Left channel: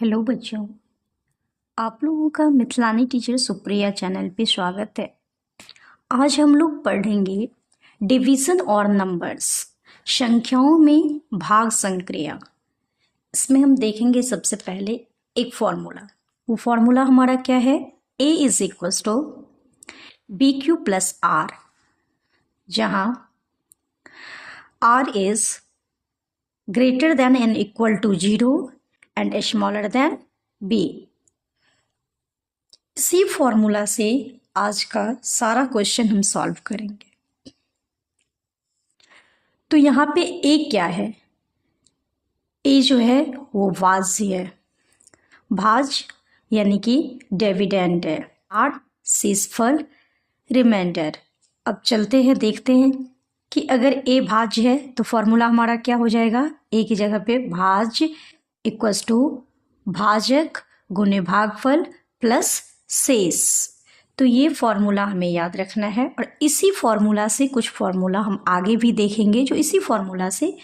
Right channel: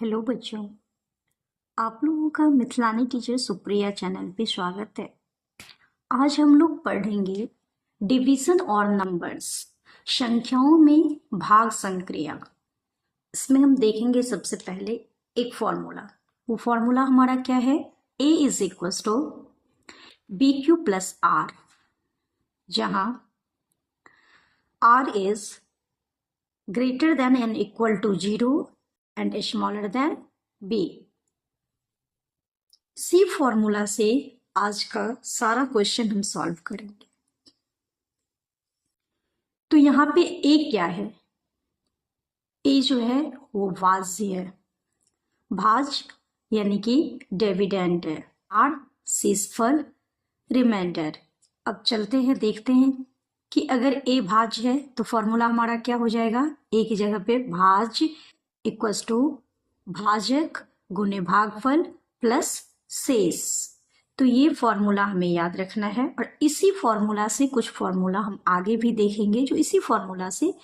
Hello बच्चों, आप लोगों का मिथिलानी टीचर सुप्रिया चैनल पे स्वागत है। आज हम लोग पढ़ेंगे डिवीजन और नंबर्स, संख्याओं में भाग संक्रिया। इसमें हम देखेंगे सबसे पहले एक फॉर्मूला। वो फॉर्मूला हमारा क्या है? A is equal to B Q plus R, जहाँ R is greater than and equal to 0 and smaller than B। इसी फॉर्मूला से आज का सारा क्वेश्चन हम सॉल्व करेंगे। तो यहाँ पे ए क्या है? ए जो है वो भाज्य है, भाज्य यानी कि डिविडेंड है। आर शेषफल, रिमाइंडर। अब चलते हैं, देखते हैं कि अगर ए भाज्य है तो फॉर्मूला हमारा क्या हो जाएगा? ए की जगह पे भाज्य इक्वल्स टू भाजक गुणे भागफल प्लस शेष। तो ये फॉर्मूला हमें याद रखना है और इसी फॉर्मूला से कुछ फॉर्मूला हम आगे भी देखेंगे जो इसी फॉर्मूला से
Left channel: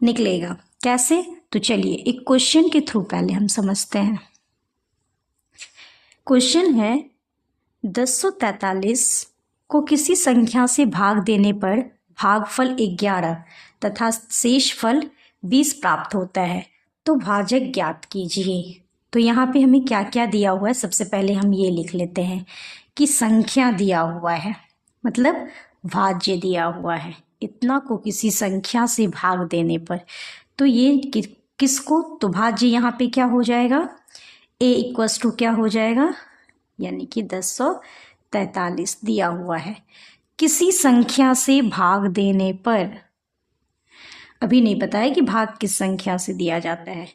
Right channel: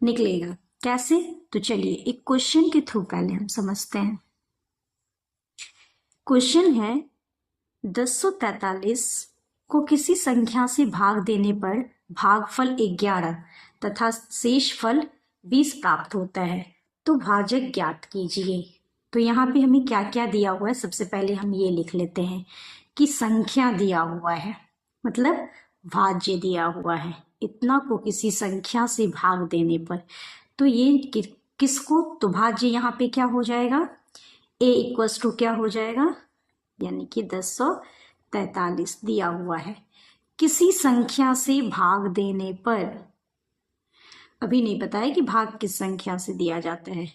निकलेगा। कैसे? तो चलिए एक क्वेश्चन के थ्रू पहले हम समझते हैं। क्वेश्चन है 1043 को किसी संख्या से भाग देने पर भागफल 11 तथा शेषफल 20 प्राप्त होता है, तो भाजक ज्ञात कीजिए। तो यहाँ पे हमें क्या क्या दिया हुआ है, सबसे पहले हम ये लिख लेते हैं कि संख्या दिया हुआ है, मतलब भाज्य दिया हुआ है। इतना को किसी संख्या से भाग देने पर, तो ये किसको? तो भाज्य यहाँ पे क्या हो जाएगा? ए इक्वल्स टू क्या हो जाएगा? यानी कि 1043 दिया हुआ है। किसी संख्या से भाग देने पर, अभी नहीं पता है कि भाग किस संख्या से दिया जाता है।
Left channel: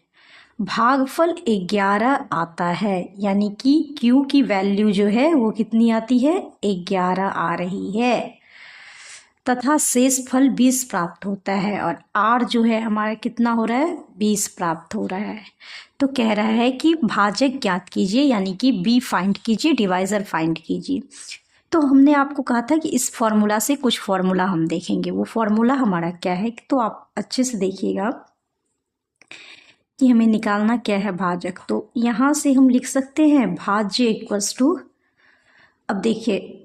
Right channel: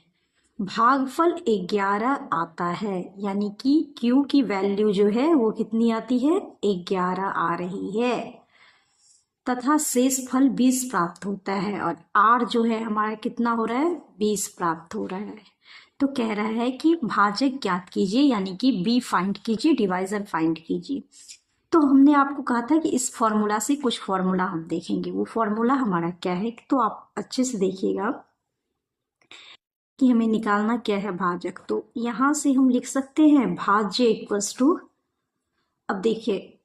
भागफल 11 आता है, यानी कि Q की वैल्यू जो है वो कितनी आती है? 11 आ रही है, तथा शेष फल 20 प्राप्त होता है और R जो है हमारा कितना हो रहा है? 20 प्राप्त हो रहा है। तो कह रहा है कि भाजक ज्ञात कीजिए, यानी कि B फाइंड कीजिए, डिवाइजर फाइंड कीजिए। तो हमने आपको कहा था कि इस फॉर्मूला से कुछ फॉर्मूला हम देखेंगे। वो फॉर्मूला हमारा क्या है, तो आप अच्छे से देखिएगा कि हमें निकालना क्या है भाजक। तो यहाँ से हम लिख सकते हैं भाज्य इक्वल्स टू, अब देखिए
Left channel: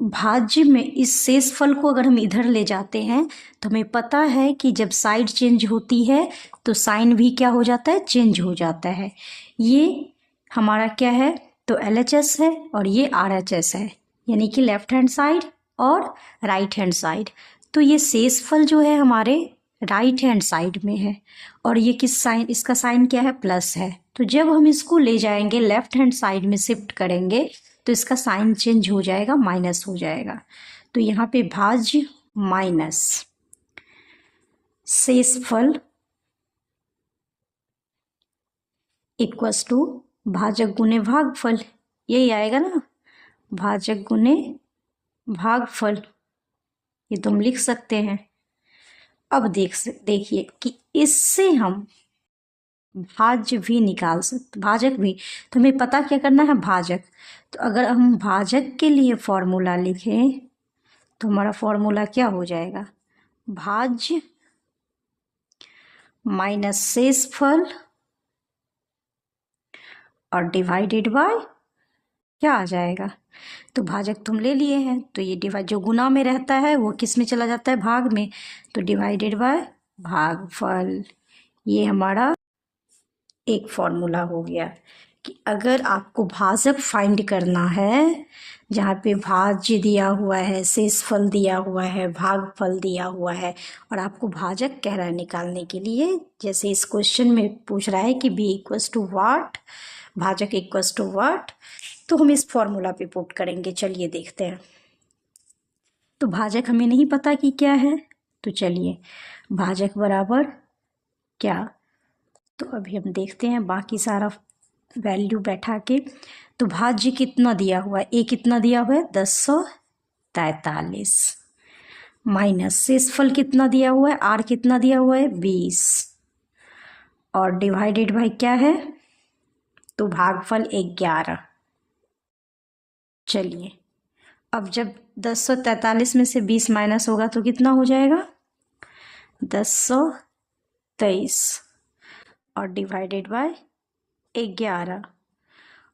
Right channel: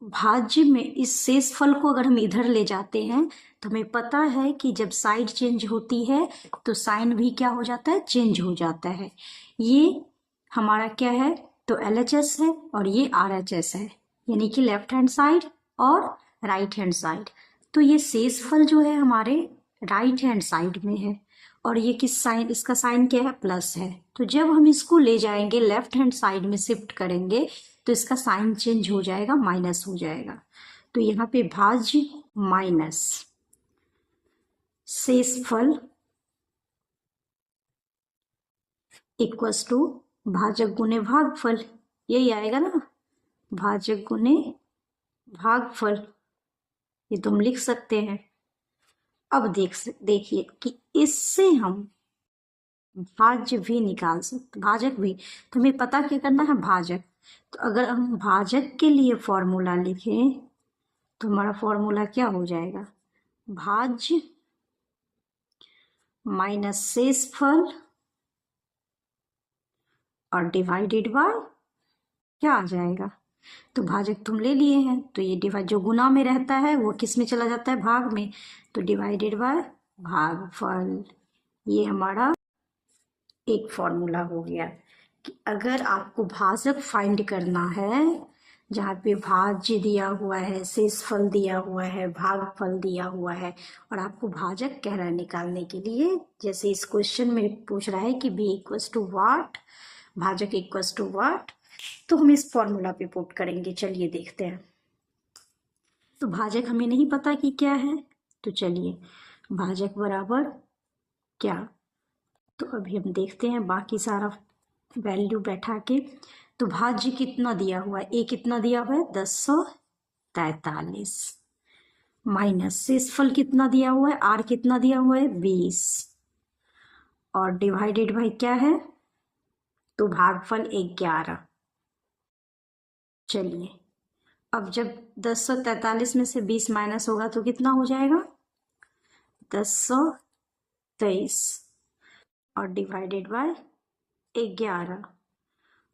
भाज्य में इस शेषफल को अगर हम इधर ले जाते हैं तो हमें पता है कि जब साइड चेंज होती है तो साइन भी क्या हो जाता है? चेंज हो जाता है। ये हमारा क्या है? तो LHS है और ये RHS है, यानी कि लेफ्ट हैंड साइड और राइट हैंड साइड। तो ये शेषफल जो है हमारे राइट हैंड साइड में है और ये किस साइन? इसका साइन क्या है? प्लस है। तो जब हम इसको ले जाएंगे लेफ्ट हैंड साइड में शिफ्ट करेंगे तो इसका साइन चेंज हो जाएगा, माइनस हो जाएगा। तो यहाँ पे भाज्य माइनस शेषफल इक्वल्स टू भाजक गुने भागफल, यही आएगा ना, भाजक गुने भागफल। ये तुम लिख सकते हैं। अब देखिए कि इससे हम भाज्य भी निकाल सकते, भाजक भी। तो हमें पता क्या करना है? भाजक। तो अगर हम भाजक के लिए फॉर्मूला लिखें तो हमारा फॉर्मूला क्या हो जाएगा? भाज्य माइनस शेषफल और डिवाइडेड बाय क्या आ जाएगा? तो भाजक तुम ले लिए हैं तो ये डिवाइड, जो गुना में रहता है वो किस में चला जाता है? भाग में। तो डिवाइडेड बाय भागफल। ये हमारा एक फॉर्मूला हो गया कि अगर आपको भाजक फाइंड करना है, जहाँ पे भाज्य दिया हुआ है, शेषफल दिया हुआ है, भागफल दिया हुआ है और आपको भाजक कह रहा है निकालने के लिए, जैसे इस क्वेश्चन में पूछ रहा है कि B इक्वल्स टू वाट, भाजक इक्वल्स टू वाट, तो हम इस फॉर्मूला पे पुट करेंगे। चलिए देखते हैं। तो भाजक हमें नहीं पता कि क्या है, तो चलिए भाजक बराबर क्या, तो अभी हम देखते हैं बाकी सारा वैल्यू बैठा के। तो भाज्य कितना दिया हुआ है? ए कितना दिया हुआ है? 1043 माइनस शेषफल कितना दिया हुआ है? आर कितना दिया हुआ है? 20 और डिवाइडेड बाय क्या है? तो भागफल 11। चलिए अब जब 1043 में से 20 माइनस होगा तो कितना हो जाएगा? 1023 और डिवाइडेड बाय 11।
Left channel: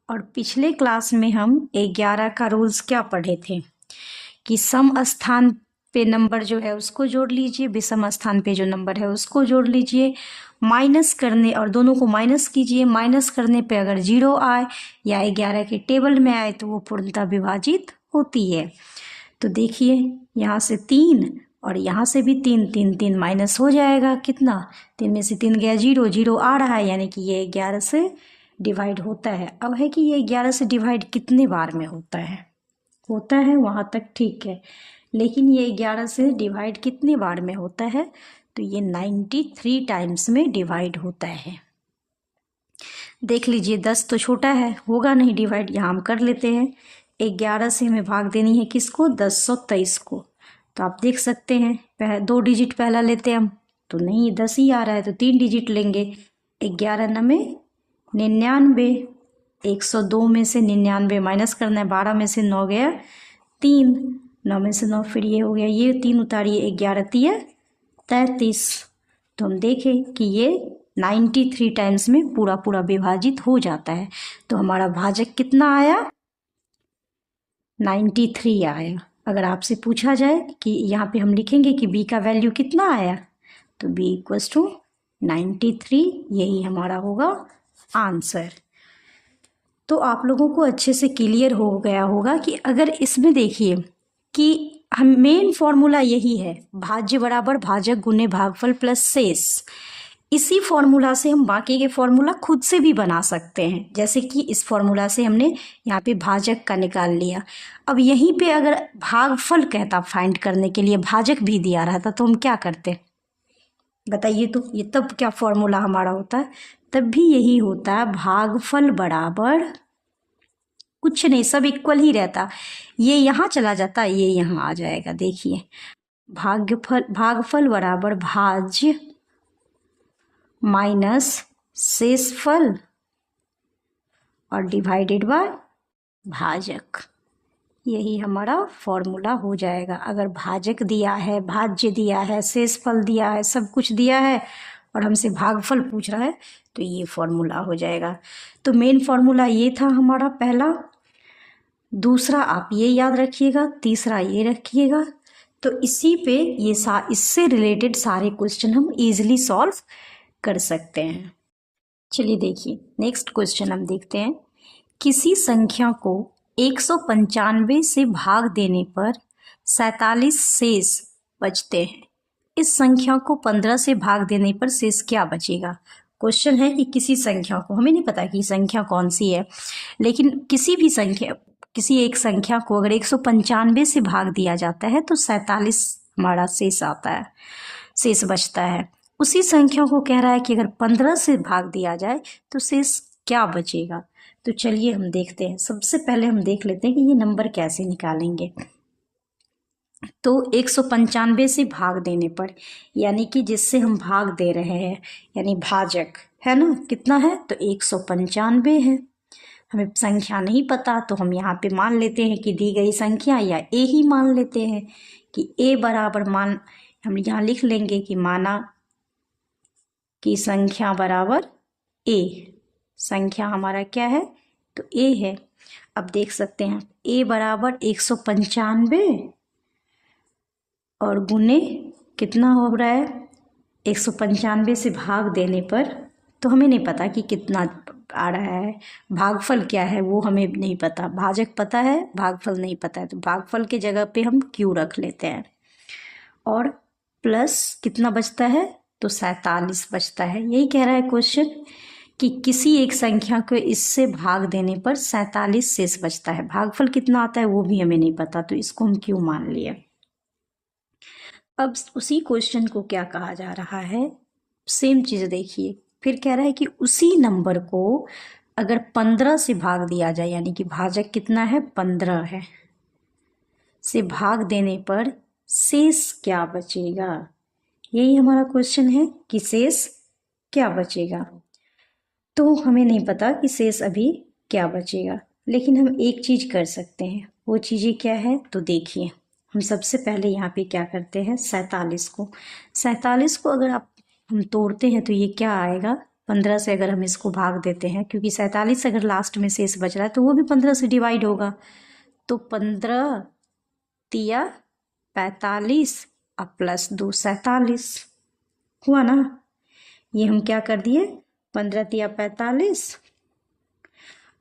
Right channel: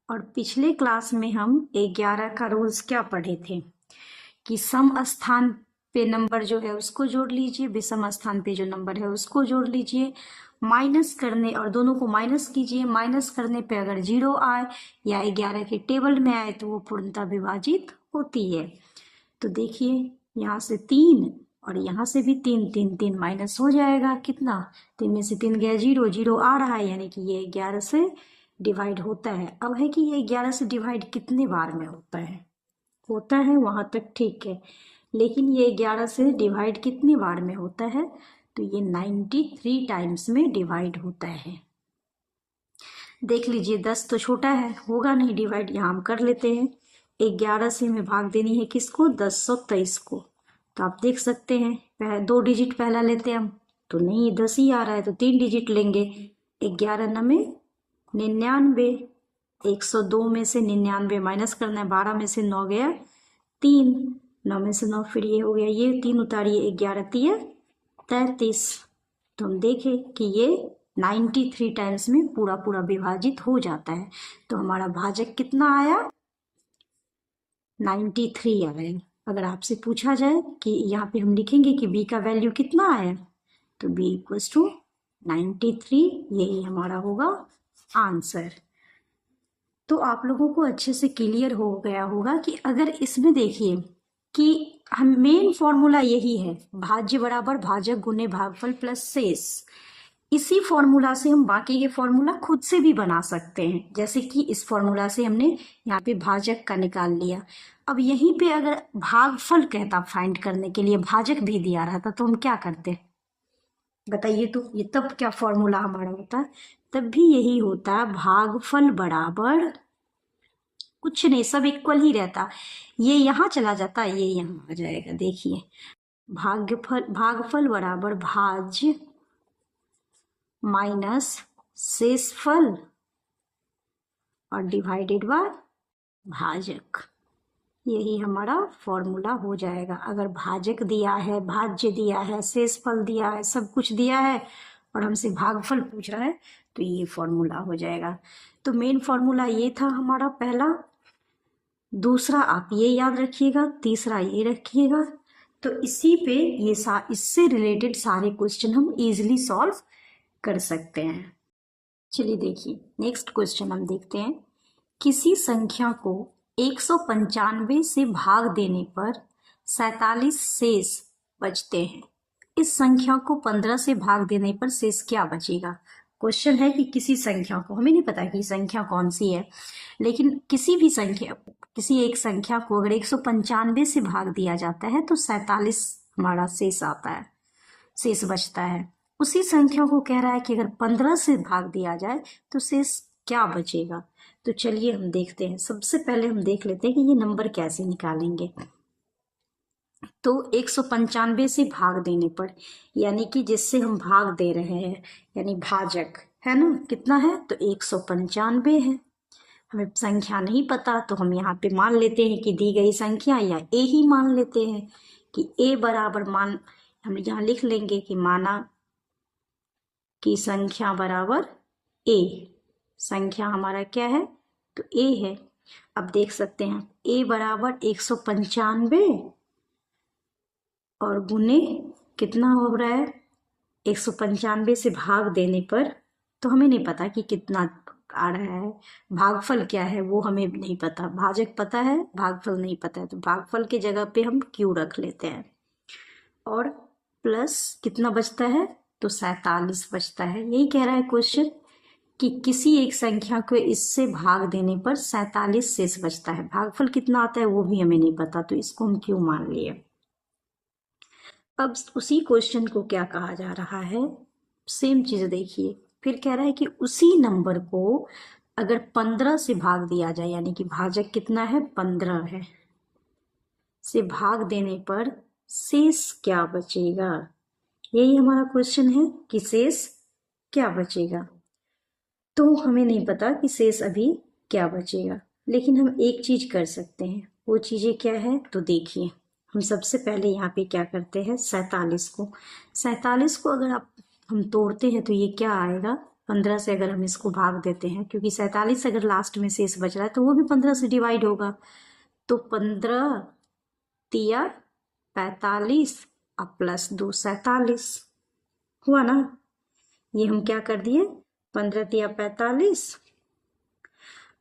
और पिछले क्लास में हम 11 का रूल्स क्या पढ़े थे कि सम स्थान पे नंबर जो है उसको जोड़ लीजिए, विषम स्थान पे जो नंबर है उसको जोड़ लीजिए, माइनस करने और दोनों को माइनस कीजिए, माइनस करने पे अगर 0 आए या 11 के टेबल में आए तो वो पूर्णतः विभाजित होती है। तो देखिए यहाँ से 3 और यहाँ से भी 3, 3 3 माइनस हो जाएगा, कितना, 3 में से 3 गया 0, 0 आ रहा है, यानी कि ये 11 से डिवाइड होता है। अब है कि ये 11 से डिवाइड कितने बार में होता है वहाँ तक ठीक है, लेकिन ये 11 से डिवाइड कितने बार में होता है, तो ये 93 टाइम्स में डिवाइड होता है। देख लीजिए 10 तो छोटा है, होगा नहीं डिवाइड, यहाँ हम कर लेते हैं। 11 से हमें भाग देनी है किसको, 1023 को। तो आप देख सकते हैं 2 डिजिट पहला लेते हैं हम, तो नहीं 10 ही आ रहा है, तो 3 डिजिट लेंगे। 11 नमे 99, 102 में से 99 माइनस करना है, 12 में से 9 गया 3, 9 में से 9 फिर ये हो गया, ये 3 उतारिए, 11 तिया 33। तो हम देखें कि ये 93 टाइम्स में पूरा पूरा विभाजित हो जाता है। तो हमारा भाजक कितना आया, 93 आया। अगर आपसे पूछा जाए कि यहाँ पे हम लिखेंगे कि b का वैल्यू कितना आया, तो b इक्वल्स टू 93, यही हमारा होगा आंसर। तो आप लोगों को अच्छे से क्लियर हो गया होगा कि अगर इसमें देखिए कि हम मेन फॉर्मूला यही है, भाज्य बराबर भाजक गुने भागफल प्लस शेष। इसी फॉर्मूला से हम बाकी के फॉर्मूला खुद से भी बना सकते हैं, जैसे कि इस फॉर्मूला से हमने यहाँ पे भाजक का निकाल लिया। अब यहीं पे अगर भागफल कहता फाइंड करने के लिए, भाजक भी दिया रहता, तो हम क्या करते, बताइए। तो ये तब क्या फॉर्मूला हमारा होता है, तब भी यही होता है, भागफल बराबर कुछ नहीं, सब इक्वल ही रहता, ये यहाँ चला जाता, ये यहाँ आ जाएगा। देखिए भागफल बराबर भाज्य माइनस शेषफल और डिवाइडेड बाय भाजक, यही हमारा फॉर्मूला हो जाएगा। अगर भाजक दिया है, भाज्य दिया है, शेषफल दिया है, सब कुछ दिया है और हमसे भागफल पूछ रहा है, तो ये फॉर्मूला हो जाएगा। तो मेन फॉर्मूला ये था हमारा पहला, दूसरा आप ये याद रखिएगा, तीसरा ये रखिएगा। तो इसी पे ये इससे रिलेटेड सारे क्वेश्चन हम इजीली सॉल्व कर सकते हैं। चलिए देखिए नेक्स्ट क्वेश्चन हम देखते हैं। किसी संख्या को 195 से भाग देने पर 47 शेष बचते हैं। इस संख्या को 15 से भाग देने पर शेष क्या बचेगा। क्वेश्चन है कि किसी संख्या को, हमें नहीं पता कि संख्या कौन सी है, लेकिन किसी एक संख्या को अगर 195 से भाग दिया जाता है तो 47 हमारा शेष आता है, शेष बचता है। उसी संख्या को कह रहा है कि अगर 15 से भाग दिया जाए तो शेष क्या बचेगा। तो चलिए हम देखते हैं। सबसे पहले हम देख लेते हैं कि ये नंबर कैसे निकालेंगे। तो 195 से भाग देने पर, यानी कि जिससे हम भाग दे रहे हैं, यानी भाजक है ना, कितना है, तो 195 है। हमें संख्या नहीं पता, तो हम यहाँ पे मान लेते हैं कि दी गई संख्या, या ए ही मान लेते हैं कि ए बराबर हम यहाँ लिख लेंगे कि माना कि संख्या बराबर ए, संख्या हमारा क्या है, तो ए है। अब देख सकते हैं ए बराबर 195 और गुने कितना हो रहा है, 195 से भाग देने पर, तो हमें नहीं पता कि कितना आ रहा है, भागफल क्या है वो हमें नहीं पता, भाजक पता है, भागफल नहीं पता है, तो भागफल की जगह पे हम क्यू रख लेते हैं। और प्लस कितना बचता है, तो 47 बचता है। यही कह रहा है क्वेश्चन कि किसी एक संख्या को इससे भाग देने पर 47 शेष बचता है। भागफल कितना आता है वो भी हमें नहीं पता, तो इसको हम क्यों मान लिए। अब उसी क्वेश्चन को क्या कहा जा रहा है, सेम चीज देखिए, फिर कह रहा है कि उसी नंबर को अगर 15 से भाग दिया जाए, यानी कि भाजक कितना है, 15 है, से भाग देने पर शेष क्या बचेगा। यही हमारा क्वेश्चन है कि शेष क्या बचेगा। तो हमें नहीं पता कि शेष अभी क्या बचेगा, लेकिन हम एक चीज कर सकते हैं। वो चीजें क्या है, तो देखिए हम सबसे पहले यहाँ पे क्या करते हैं, 47 को अगर हम तोड़ते हैं तो ये क्या आएगा, 15 से अगर हम इसको भाग देते हैं, क्योंकि 47 अगर लास्ट में शेष बच रहा है तो वो भी 15 से डिवाइड होगा। तो 15 तिया 45 अब +2 47 हुआ ना। ये हम क्या कर दिए, 15 तिया 45।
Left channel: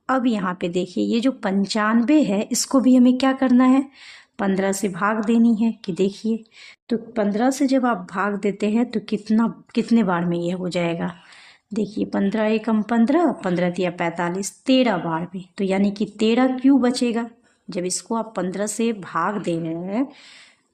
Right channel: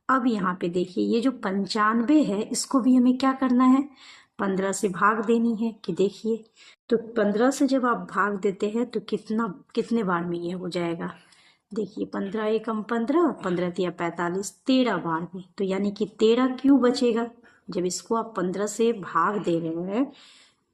अब यहाँ पे देखिए ये जो 95 है इसको भी हमें क्या करना है, 15 से भाग देनी है। कि देखिए तो 15 से जब आप भाग देते हैं तो कितने बार में ये हो जाएगा। देखिए 15 एकम 15, 15 तिया 45, 13 बार में। तो यानी कि 13 क्यों बचेगा। जब इसको आप 15 से भाग दे रहे हैं,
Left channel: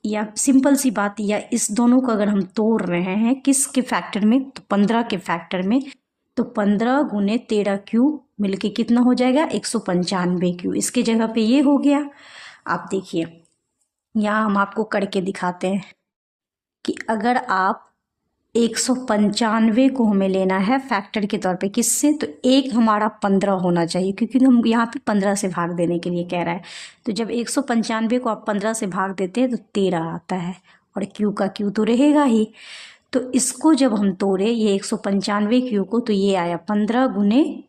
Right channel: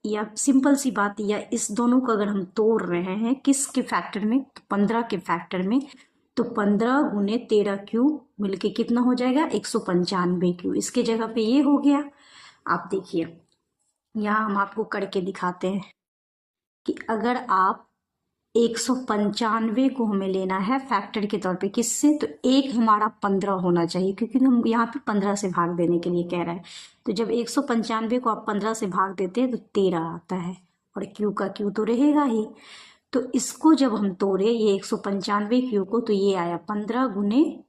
या सिंपल सी बात, या इस दोनों को अगर हम तोड़ रहे हैं किसके फैक्टर में, तो 15 के फैक्टर में, तो 15 गुने 13 क्यू मिलके कितना हो जाएगा, 195 क्यू। इसके जगह पे ये हो गया। आप देखिए यहाँ हम आपको करके दिखाते हैं कि अगर आप 195 को हमें लेना है फैक्टर के तौर पे, किससे, तो एक हमारा 15 होना चाहिए, क्योंकि हम यहाँ पे 15 से भाग देने के लिए कह रहा है। तो जब 195 को आप 15 से भाग देते हैं तो 13 आता है, और क्यू का क्यू तो रहेगा ही। तो इसको जब हम तोड़े ये 195 क्यू को, तो ये आया 15 गुने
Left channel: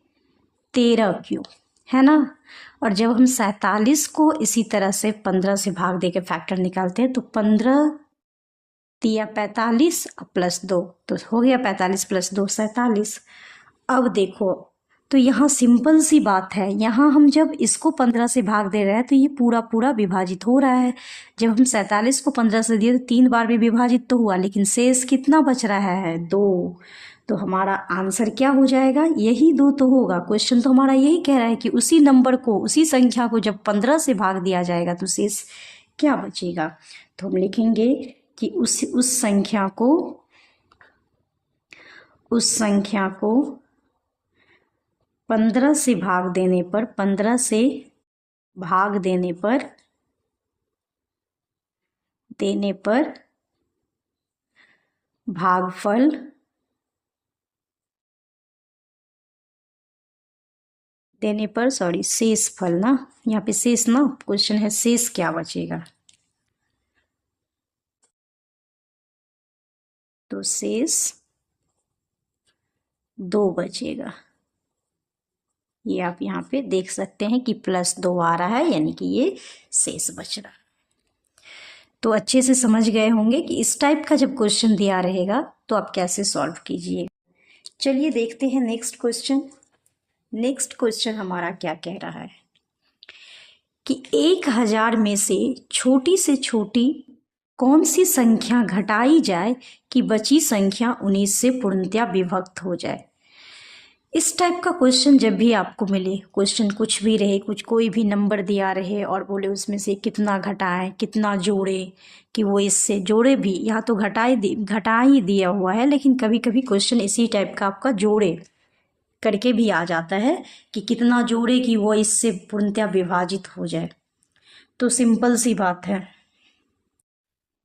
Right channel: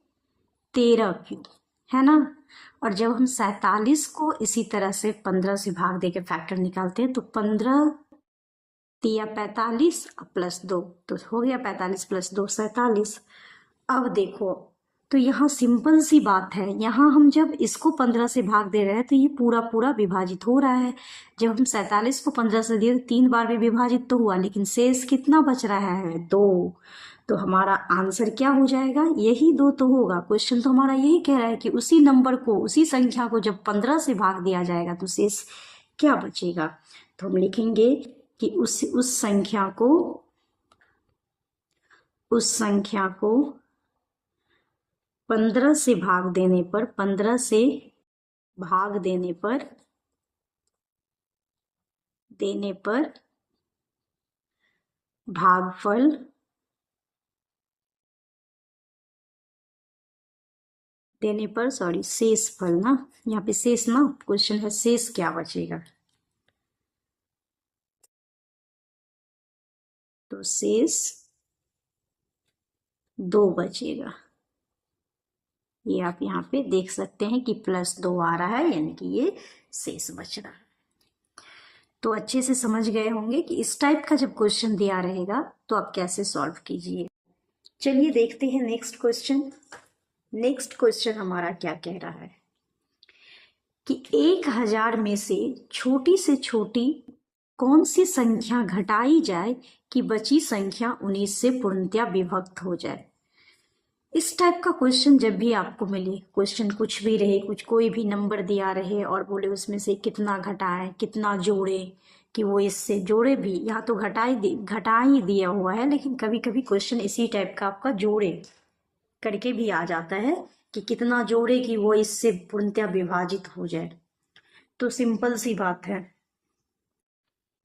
13 क्यू, है ना। और जब हम 47 को इसी तरह से 15 से भाग दे के फैक्टर निकालते हैं, तो 15 तिया 45 +2, तो हो गया 45 + 2 47। अब देखो तो यहाँ सिंपल सी बात है, यहाँ हम जब इसको 15 से भाग दे रहे हैं तो ये पूरा पूरा विभाजित हो रहा है। जब हम 47 को 15 से दिए तो 3 बार भी विभाजित तो हुआ, लेकिन शेष कितना बच रहा है, 2। तो हमारा आंसर क्या हो जाएगा, यही 2 तो होगा। क्वेश्चन तो हमारा यही कह रहा है कि उसी नंबर को, उसी संख्या को जब 15 से भाग दिया जाएगा तो शेष क्या बचेगा। तो हम लिखेंगे कि उस संख्या को 15 से भाग देने पर, 15 से भाग देने पर भागफल देने पर, सॉरी शेष फल ना, यहाँ पे शेष ना, क्वेश्चन है शेष क्या बचेगा, तो शेष 2 बचेगा। ये आप यहाँ पे देख सकते हैं कि +2 आ रहा है, यानी कि ये शेष बच रहा है। तो अच्छे से समझ गए होंगे कि इस टाइप का जब क्वेश्चन दिया रहेगा तो आप कैसे सॉल्व कीजिए। चलिए देखते हैं नेक्स्ट क्वेश्चन। नेक्स्ट क्वेश्चन हमारा क्या कह रहा है कि 1000 में से छोटी कौन सी संख्या घटाई जाए कि बची संख्या 19 से पूर्णतया विभक्त हो जाए। इस टाइप का क्वेश्चन जब भी आपको मिले, क्वेश्चन कुछ भी रहे, कोई भी नंबर दिया रहे और बोले उसमें से कितना घटाएं कितना जोड़े, कि वो इससे जोड़े भी, यहाँ तो घटा ही दिया हुआ है, लेकिन कभी कभी क्वेश्चन इसी टाइप का आपका जोड़े करके भी आ जाता है कि कितना जोड़े कि वो इससे पूर्णतया विभाजित हो जाए। तो सिंपल सी बात है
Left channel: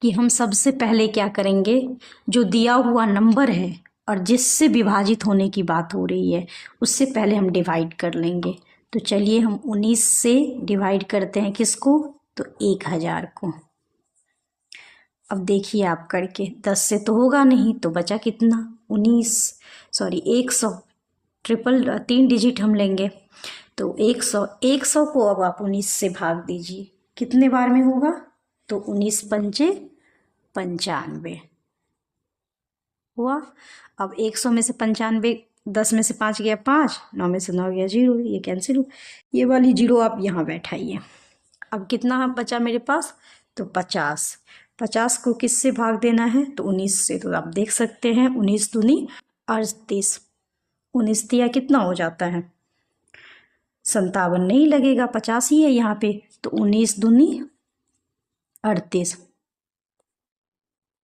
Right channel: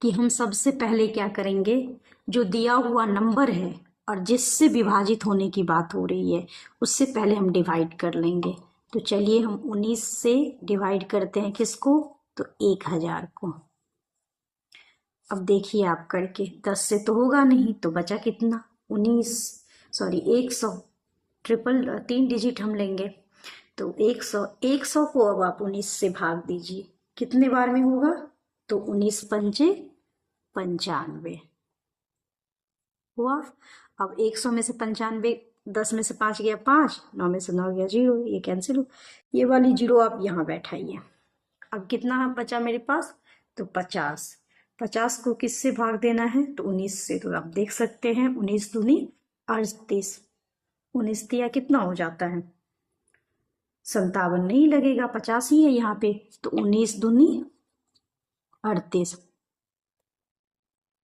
कि हम सबसे पहले क्या करेंगे, जो दिया हुआ नंबर है और जिससे विभाजित होने की बात हो रही है उससे पहले हम डिवाइड कर लेंगे। तो चलिए हम 19 से डिवाइड करते हैं किसको, तो 1000 को। अब देखिए आप करके, 10 से तो होगा नहीं, तो बचा कितना, 100 3 डिजिट हम लेंगे। तो 100 को अब आप 19 से भाग दीजिए, कितने बार में होगा, तो 19 पंचे 95 हुआ। अब 100 में से 95, 10 में से 5 गया 5, 9 में से 9 गया 0, ये कैंसिल हो, ये वाली 0 आप यहाँ बैठाइए। अब कितना बचा मेरे पास, तो 50 को किससे भाग देना है, तो 19 से। तो आप देख सकते हैं 19 दूनी 38, 19 तिया कितना हो जाता है, 57 नहीं लगेगा, 50 ही है यहाँ पे। तो 19 दूनी 38,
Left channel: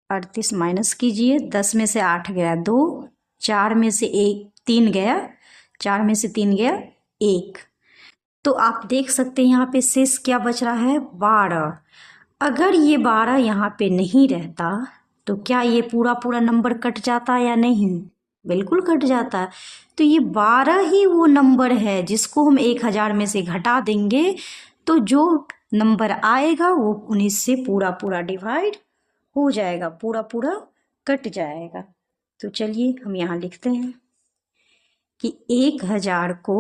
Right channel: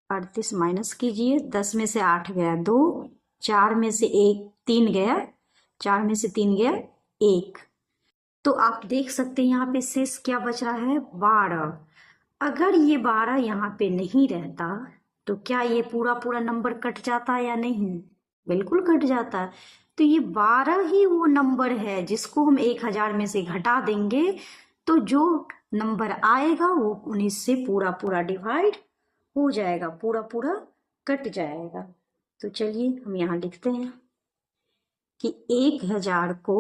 38 माइनस कीजिए, 10 में से 8 गया 2, 4 में से 3 गया, 4 में से 3 गया 1। तो आप देख सकते हैं यहाँ पे शेष क्या बच रहा है, 12। अगर ये 12 यहाँ पे नहीं रहता तो क्या ये पूरा पूरा नंबर कट जाता या नहीं, बिल्कुल कट जाता। तो ये 12 ही वो नंबर है जिसको हम 1000 में से घटा देंगे तो जो नंबर आएगा वो 19 से पूरा पूरा डिवाइड हो जाएगा, पूरा पूरा कट जाएगा। तो चलिए हम यहाँ लिखते हैं कि 1000 को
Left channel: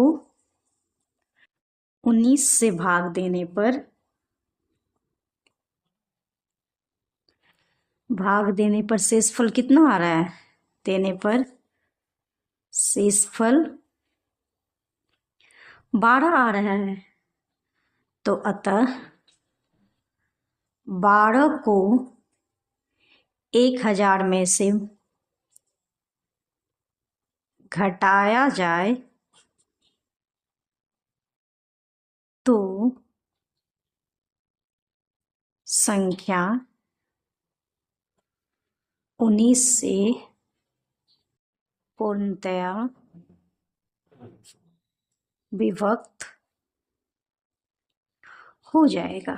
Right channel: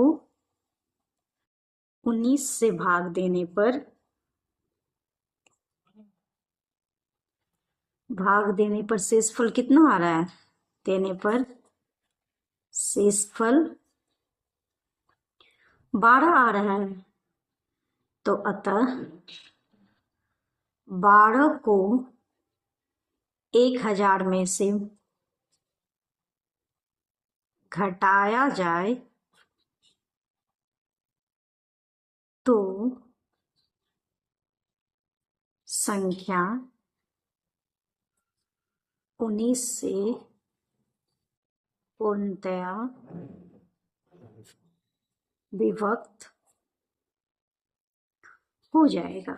19 से भाग देने पर शेषफल कितना आ रहा है? देने पर शेषफल 12 आ रहा है। तो अतः 12 को 1000 में से घटाया जाए तो संख्या 19 से पूर्णतया विभक्त हो जाएगा।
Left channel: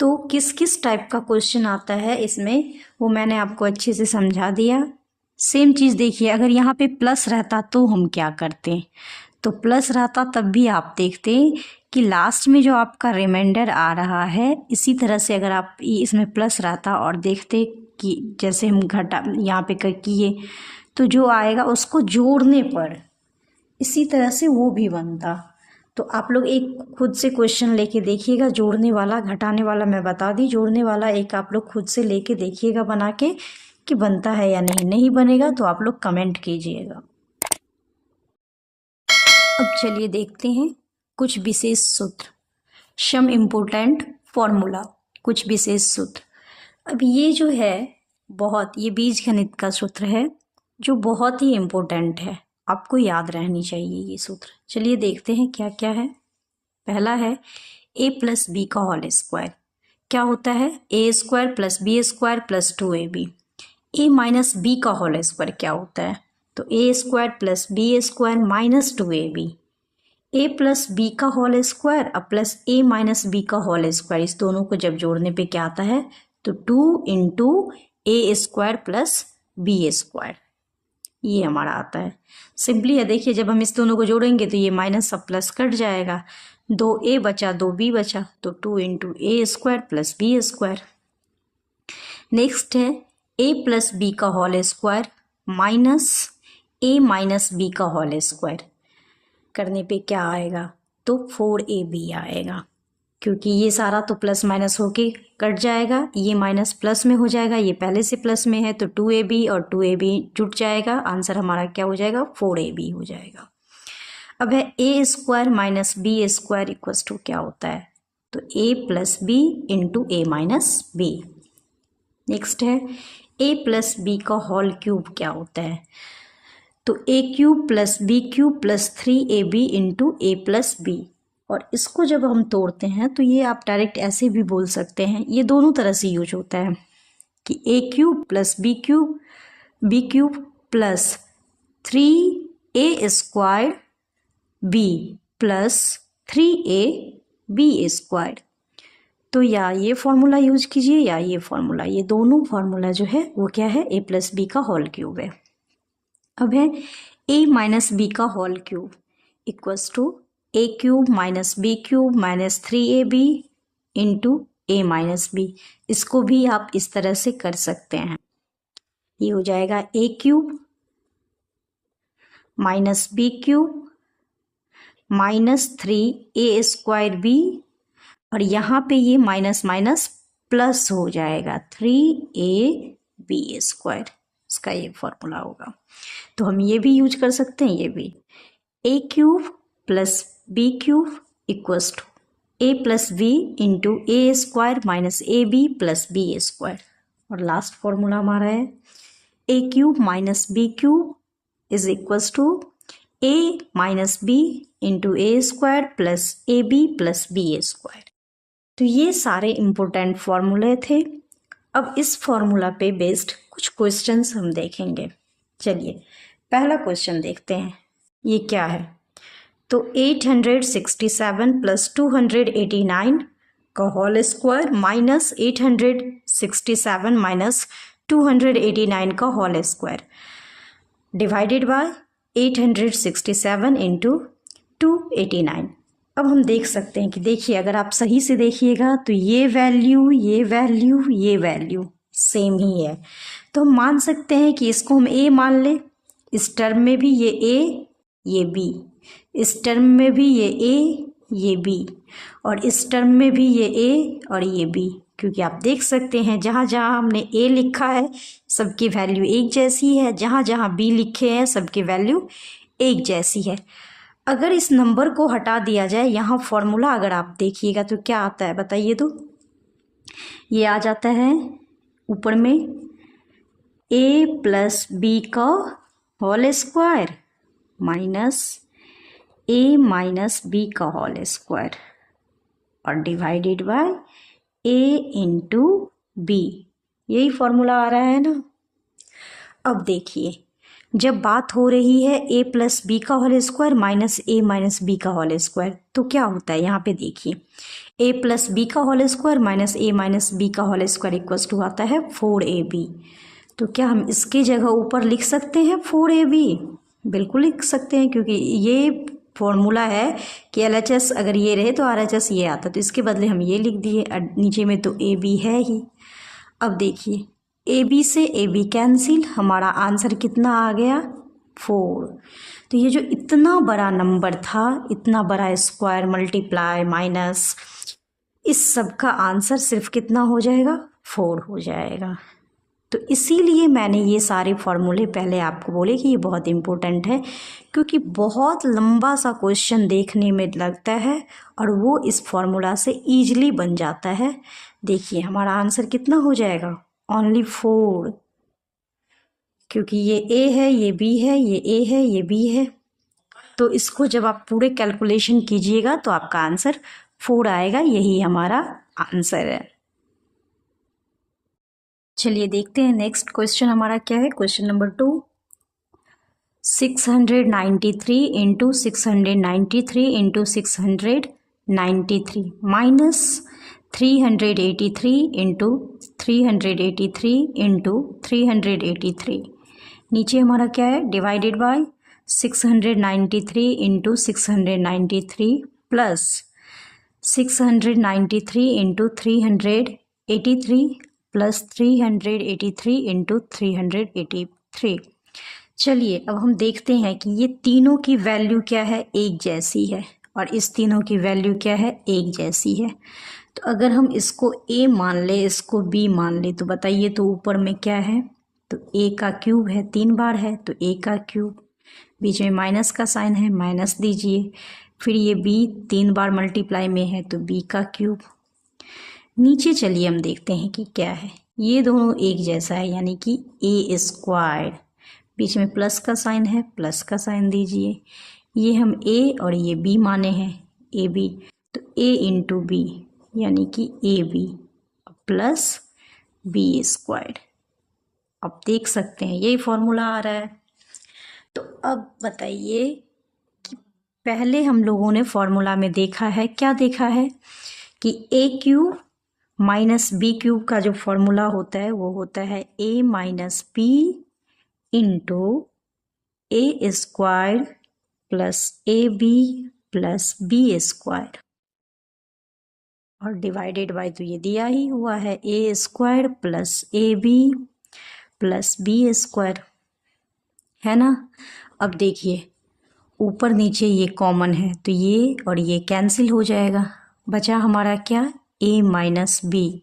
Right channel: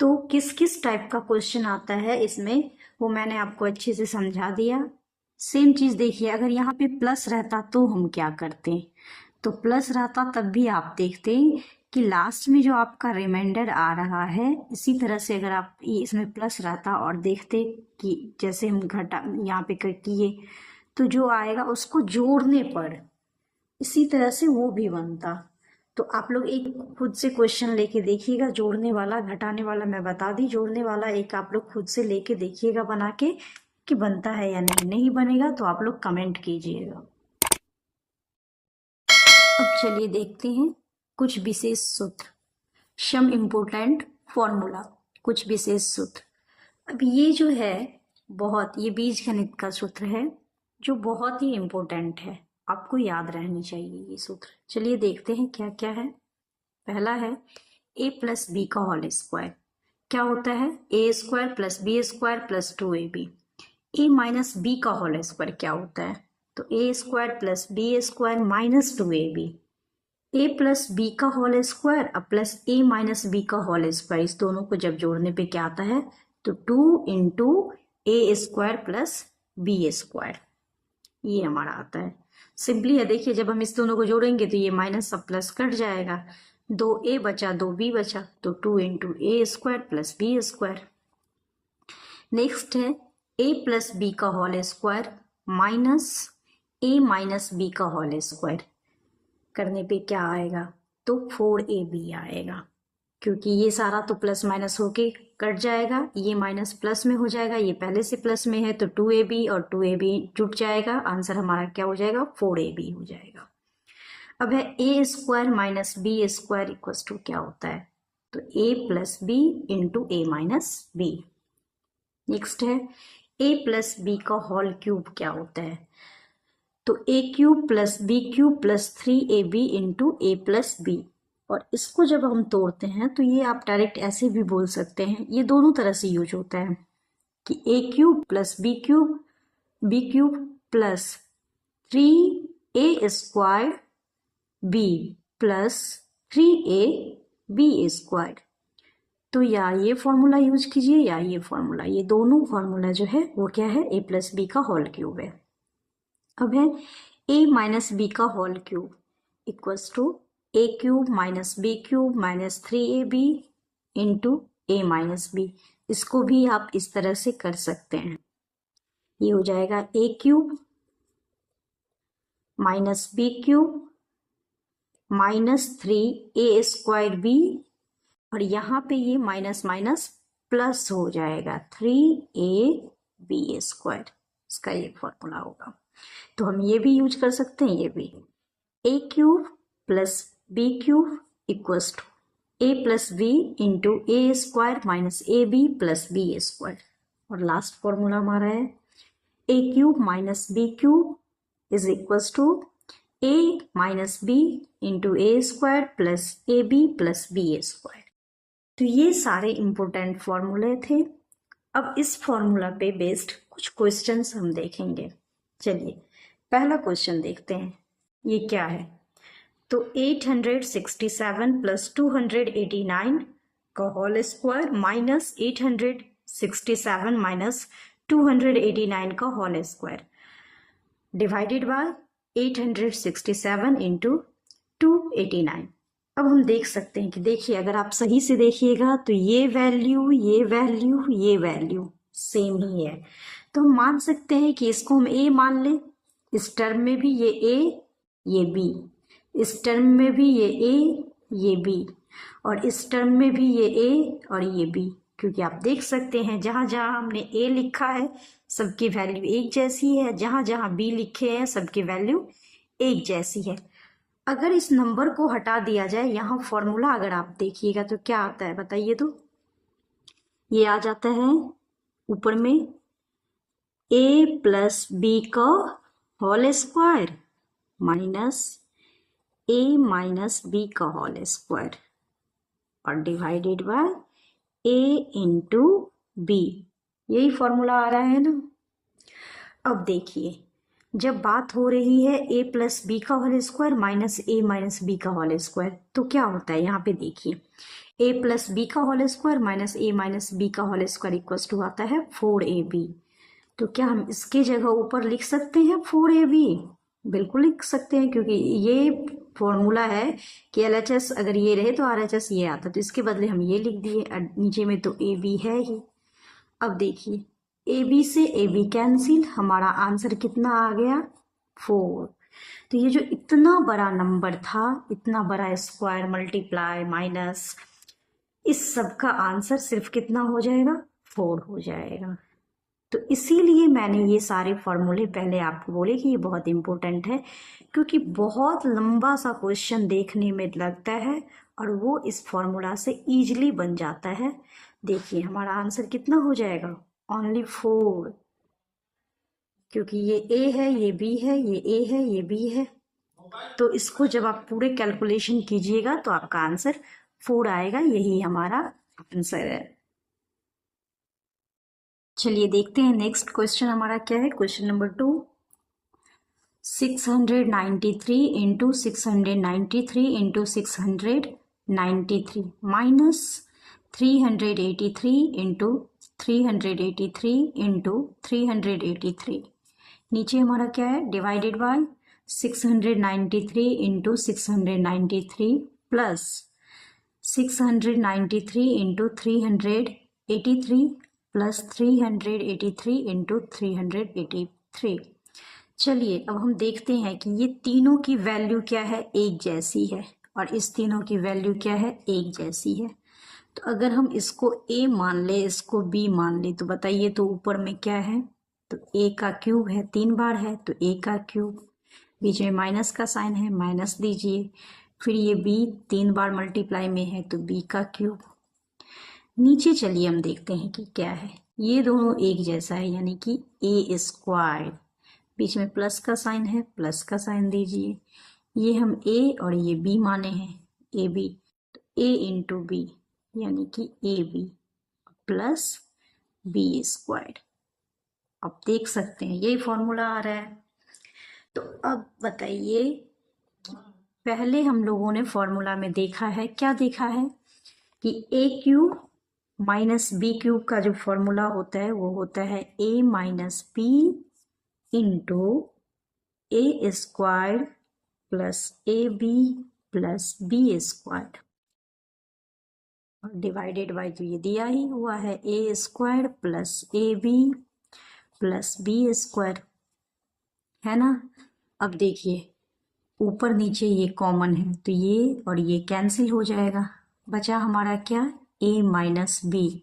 तो किस किस टाइप का क्वेश्चन आता है इसमें, वो मैंने आपको अच्छे से समझा दिया। सेम चीज़ देखिए, अगर यहाँ पे प्लस रहता तो हम क्या करते? तो प्लस रहता तब भी आप देखते कि लास्ट में जो आपका रिमाइंडर आ रहा है, इसी तरह से अगर आप इसमें प्लस रहता और देखते कि जैसे हम घटा यहाँ पे किए तो जो आएगा उसको जोड़ने पर इसी तरह से वो भी बनता। तो आप लोग एक खुद से क्वेश्चन लेके देखिएगा, जोड़ने वाला घटाने वाला मैं बता दी, जोड़ने वाला एक आप लोग खुद से लेके देखिएगा बना के कि बनता है या नहीं। नहीं बनेगा तो आप लोग कमेंट कीजिएगा। अब चलिए देखते हैं कुछ विशेष सूत्र, सम इम्पोर्टेंट फॉर्मूला, कुछ विशेष सूत्र। अब ये जो है ये बीज गणित का सूत्र है जो बहुत ही इम्पोर्टेंट है, आपको याद रहनी चाहिए ये सूत्र। चलिए देखते हैं क्या क्या है। पहला है a प्लस बी का होल स्क्वायर। क्या होता है? A square plus B square plus 2ab। A minus B का होल स्क्वायर क्या होता है? तो A square plus B square minus 2ab। A plus B का होल स्क्वायर अब प्लस ए माइनस बी का होल स्क्वायर, इस दोनों को जब जोड़ने पे क्या आता है? तो 2 into A square plus B square, ये हमारा आता है। सिंपली है, देखिए जब हम इस दोनों को जोड़ेंगे तो ये माइनस सब प्लस कट जाएगा, 2a बचा 2b बचा, तो 2 into A square plus B square. Next है a प्लस बी का whole square minus a minus B का होल स्क्वायर, करने पे क्या आएगा? तो 4ab आएगा, क्योंकि ये सारा तो प्लस माइनस होके कट जाएगा, ये माइनस प्लस में हो जाएगा, ये पहले से प्लस में है तो 2ab और 2ab जुट जाएगा, आंसर हमारा क्या हो जाएगा? 4ab हो जाएगा। अब है A square minus B square equals to क्या होता है? तो a plus B into A minus B. Next है a प्लस बी का होल क्यूब क्या होता है? तो a cube plus B cube plus 3ab into A plus B. और इसको जब हम तोड़ते हैं तो ये आप डायरेक्ट ऐसे भी बोल सकते हैं, ये दोनों तरह से यूज होता है कि a cube plus B cube plus 3a square b plus 3a b square. तो या ये फॉर्मूला यूज कीजिए या ये फॉर्मूला, ये दोनों फॉर्मूला जो है वो क्या है? a प्लस बी का होल क्यूब है। अब है a माइनस बी का whole cube equals to a cube minus B cube minus 3ab into A minus B. इसको भी आप इस तरह से कर सकते हैं, ये हो जाएगा a cube minus B cube minus 3a square b, और यहाँ पे ये माइनस माइनस प्लस हो जाएगा 3ab स्क्वायर, इसका ये फॉर्मूला होगा। तो हम ये भी यूज कर सकते हैं, ये भी a cube plus B cube equals to a plus B into A square minus A B plus B square. और लास्ट फॉर्मूला हमारा है a cube minus B cube is equals to a minus B into A square plus A B plus B square. तो ये सारे important फॉर्मूले थे। अब इस फॉर्मूला पे बेस्ड कुछ क्वेश्चंस हम देखेंगे। चलिए पहला क्वेश्चन देखते हैं, ये क्या है? तो 867 प्लस 289 का होल स्क्वायर माइनस 867 माइनस 289 का whole square divided by 867 into 289। अब हम देख सकते हैं कि देखिए अगर आप सही से देखिएगा तो ये वैल्यू ये वैल्यू ये वैल्यू सेम ही है। तो हम मान सकते हैं कि इसको हम ए मान लें, इस टर्म में भी ये ए ये बी, इस टर्म में भी ये ए ये बी, और इस टर्म में भी ये ए और ये बी, क्योंकि आप देख सकते हैं जहाँ जहाँ हमने ए लिखा है सबकी वैल्यू एक जैसी है, जहाँ जहाँ बी लिखे हैं सबकी वैल्यू एक जैसी है। अगर इस नंबर को हटा दिया जाए, यहाँ फॉर्मूला अगर आप देखिएगा तो क्या आता है बताइए तो, ये आ जाता है ऊपर में ए प्लस बी का whole square minus A minus B का होल स्क्वायर और divided by A into B. यही फॉर्मूला आ रहा है ना। अब देखिए, जब बात हो रही है ए प्लस बी का whole square minus A minus B का होल स्क्वायर, तो क्या होता है यहाँ पे देखिए, ए प्लस बी का whole square minus A minus B का होल स्क्वायर इक्वल्स टू आता है 4ab। तो क्या हम इसकी जगह ऊपर लिख सकते हैं 4ab? बिल्कुल लिख सकते हैं, क्योंकि ये फॉर्मूला है कि LHS अगर ये रहे तो RHS ये आता, तो इसके बदले हम ये लिख दिए, नीचे में तो AB है ही। अब देखिए AB से AB कैंसिल, हमारा आंसर कितना आ गया 4। तो ये जो इतना बड़ा नंबर था, इतना बड़ा स्क्वायर मल्टीप्लाई माइनस, इस सब का आंसर सिर्फ कितना हो जाएगा 4 हो जाएगा। तो इसीलिए मैंने ये सारे फॉर्मूले पहले आपको बोले कि ये बहुत इम्पोर्टेंट है, क्योंकि बहुत लंबा सा क्वेश्चन देखने में लगता है और वो इस फॉर्मूला से ईजिली बन जाता है। देखिए हमारा आंसर कितना हो जाएगा, ओनली 4, क्योंकि ये ए है ये बी है ये ए है ये बी है। तो इसको जब आप पूरे कैलकुलेशन कीजिएगा तो आपका आंसर 4 आएगा, यही हमारा आंसर है। चलिए देखते हैं नेक्स्ट क्वेश्चन हमारा क्या है। Question number 2, 693 into 693 into 693 minus 383 into 383 into 383, नीचे हमारा क्या है divided by 693 into 693 plus 693 into 383 plus 383 into 383। चलिए अब हम देखते हैं कि ये तीनों की वैल्यू क्या है, एक जैसी है, और इस तीनों की वैल्यू क्या है, एक जैसी है। तो अगर हम इसको a मान ले, इसको b मान ले, तो बताइए तो ऊपर में क्या है, तो a का क्यूब है, 3 बार है तो a का क्यूब, बीच में माइनस का साइन है माइनस दीजिए, फिर ये b 3 बार मल्टीप्लाई में है तो b का क्यूब। नीचे चलिए हम देखते हैं कि क्या है, ये दोनों एक जैसा है यानी कि ए स्क्वायर, बीच में प्लस का साइन है प्लस का साइन दीजिए, ये हम a और ये b माने हैं ए बी, तो a इंटू बी यानी कि A B plus B square. अब देख सकते हैं यही फॉर्मूला आ रहा है। तो अब बताइए कि पहले हम लोगों ने फॉर्मूला में देखा है, क्या देखा है कि A cube minus B cube का जो फॉर्मूला होता है वो होता है a minus B into A square plus A B plus B square, और डिवाइडेड बाय तो ये दिया ही हुआ है A square plus A B plus B square, है ना। अब देखिए ऊपर नीचे ये कॉमन है तो ये और ये कैंसिल हो जाएगा, बचा हमारा क्या, a माइनस बी।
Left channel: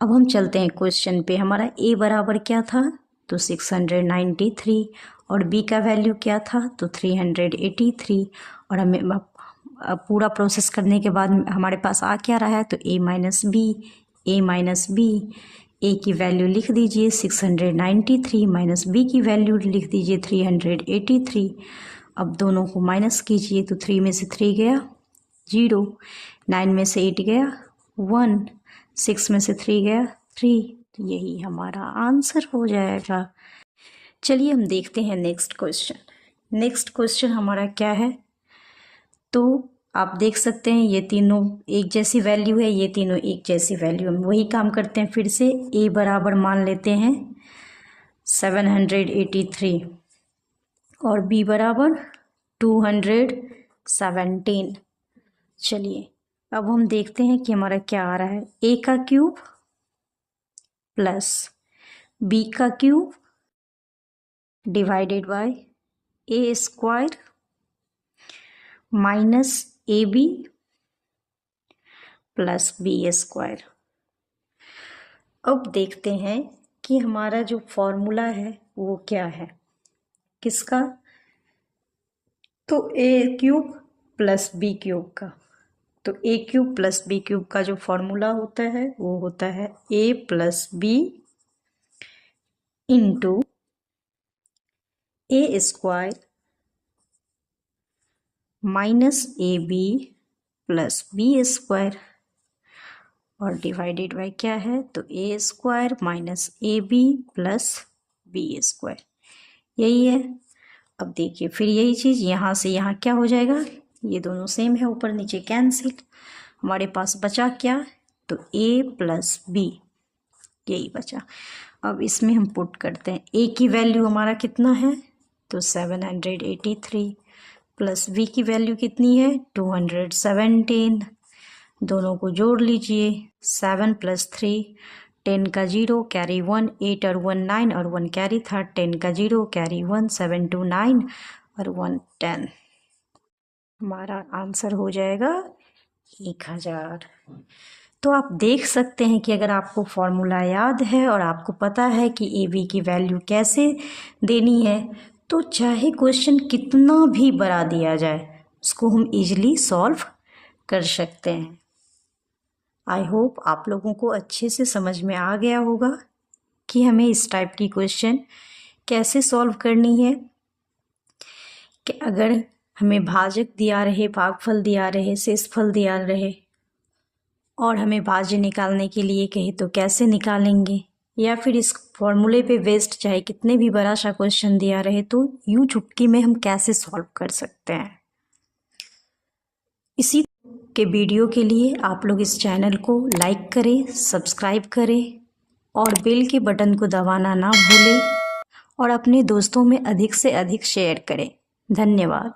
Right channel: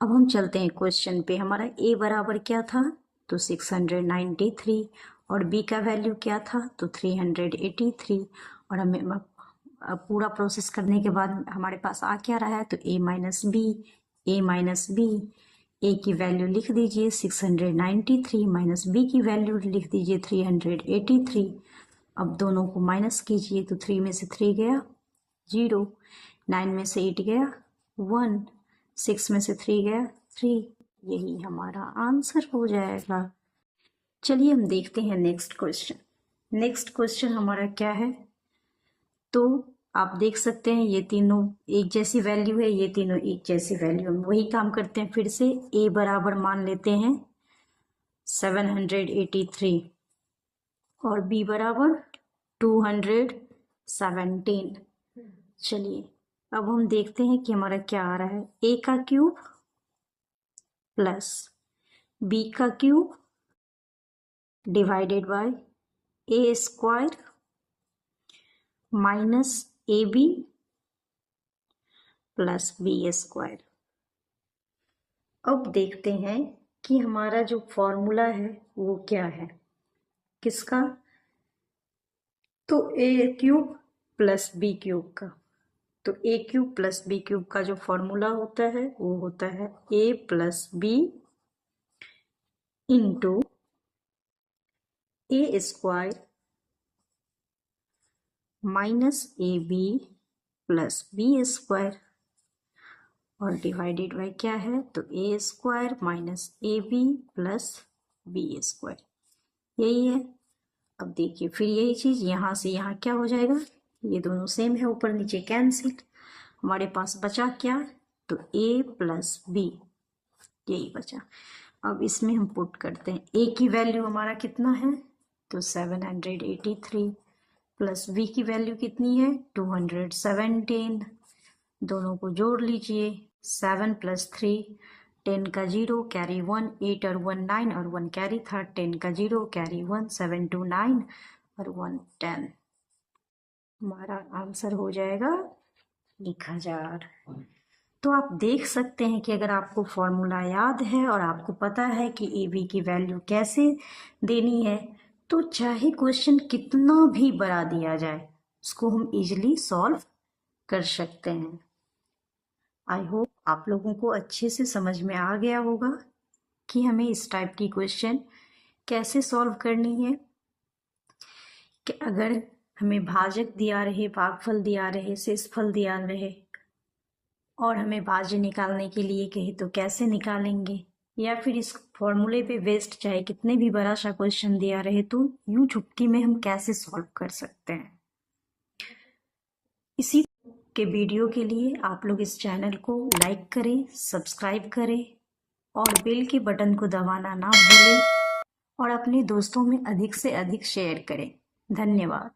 अब हम चलते हैं क्वेश्चन पे, हमारा a बराबर क्या था, तो 693 और b का वैल्यू क्या था, तो 383, और हमें पूरा प्रोसेस करने के बाद हमारे पास आ क्या रहा है, तो a माइनस बी, a की वैल्यू लिख दीजिए 693 माइनस b की वैल्यू लिख दीजिए 383। अब दोनों को माइनस कीजिए तो 3 में से 3 गया 0, 9 में से 8 गया 1, 6 में से 3 गया 3, तो यही हमारा आंसर हो जाएगा। चलिए हम देखते हैं नेक्स्ट क्वेश्चन। नेक्स्ट क्वेश्चन हमारा क्या है, तो आप देख सकते हैं ये तीनों एक जैसी वैल्यू है, ये तीनों एक जैसी वैल्यू है। वही काम करते हैं फिर से, a बराबर मान लेते हैं 783 और b बराबर 217। चलिए अब हम देखते हैं कि हमारा क्या आ रहा है, a का क्यूब प्लस बी का cube divided by A square minus A B plus B square. अब देखते हैं कि हमारा जो फॉर्मूला है वो क्या है, किसका, तो A cube plus B cube का। तो A cube plus B cube का जो फॉर्मूला होता है वो होता है A plus B into A square minus A B plus B square और डिवाइडेड बाय क्या है, तो A square minus A B plus B square, यही है। अब देखिए फिर यही चीज़ यहाँ से यहाँ क्या हो जाएगा, ये दोनों सेम है, ऊपर नीचे कैंसिल, हमारे पास बचा क्या, तो ए प्लस बी, यही बचा। अब इसमें हम पुट करते हैं, ए की वैल्यू हमारा कितना है, तो 783 प्लस बी की वैल्यू कितनी है, 217। दोनों को जोड़ लीजिए, 7 + 3 10 का 0 कैरी 1, 8 और 1 9 और 1 कैरी था, 10 का 0 कैरी 1, 7 2 9 और 1 10। हमारा आंसर हो जाएगा 1000। तो आप देख सकते हैं कि अगर आपको फॉर्मूला याद है और आपको पता है कि ए बी की वैल्यू कैसे देनी है, तो चाहे क्वेश्चन कितना भी बड़ा दिया जाए उसको हम इजीली सॉल्व कर सकते हैं। आई होप आप लोगों को अच्छे से समझ में आ गया होगा कि हमें इस टाइप की क्वेश्चन कैसे सॉल्व करनी है। कि अगर हमें भाजक दिया रहे, भागफल दिया रहे, शेषफल दिया रहे और हमें भाज्य निकालने के लिए कहे तो कैसे निकालेंगे, या फिर इस फॉर्मूले पे बेस्ड चाहे कितने भी बड़ा सा क्वेश्चन दिया रहे तो यूं चुटकी में हम कैसे सॉल्व कर सकते हैं। इसी के वीडियो के लिए आप लोग इस चैनल को लाइक करें, सब्सक्राइब करें और बेल के बटन को दबाना ना भूलें और अपने दोस्तों में अधिक से अधिक शेयर करें। धन्यवाद।